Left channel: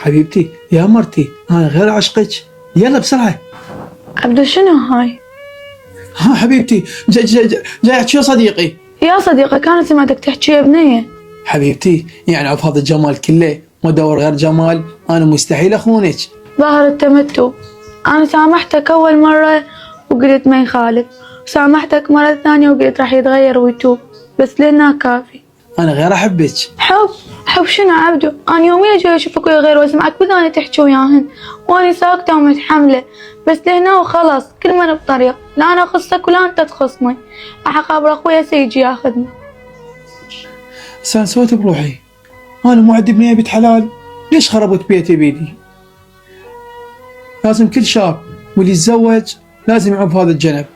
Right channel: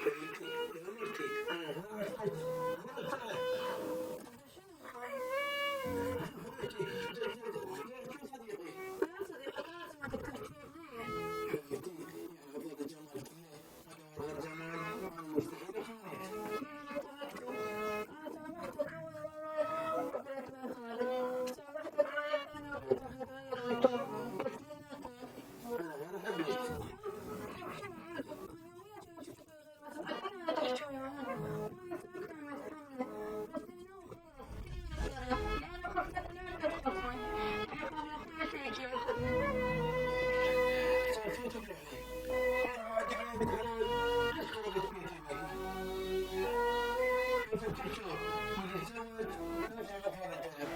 حبيبتي يا مرتي أنا غير عشقك، يلا بسرعة. عبدو شنو هاي؟ ها حبيبتي جاي أحكي صديقي. يا صديقي كانت سمعتك تحكي يا بنية. حبيبتي يعني بهذا الجمال كله وأدور غير جمال، أنا مستحيل أخونك. ظاهر التمتع. أنا سامحتك أول مرة وقلت ما يخالف، وسامحتك مرة ثانية وقلت راح يتغير ويتوب، بس لنا كافي. أنا غير أحبك. حب شنو عبدو؟ أنا يوميا جاي أشوفك ويا غير وأسمعك بداني تحكي وياهن، وأنا ساكتة ومتحملة، بس لهنا وخلاص كل من بطريق، لا أنا أخصك ولا أنت تخصني، راح أقابل أخويا سيجي ياخذني. بس أنا سويت بروحي، أنا مو عندي بنية بيت حلال، ليش خربت بيتي بيدي؟ لازم كل شاب واللي يتزوج لازم يعوف هذا الجنب.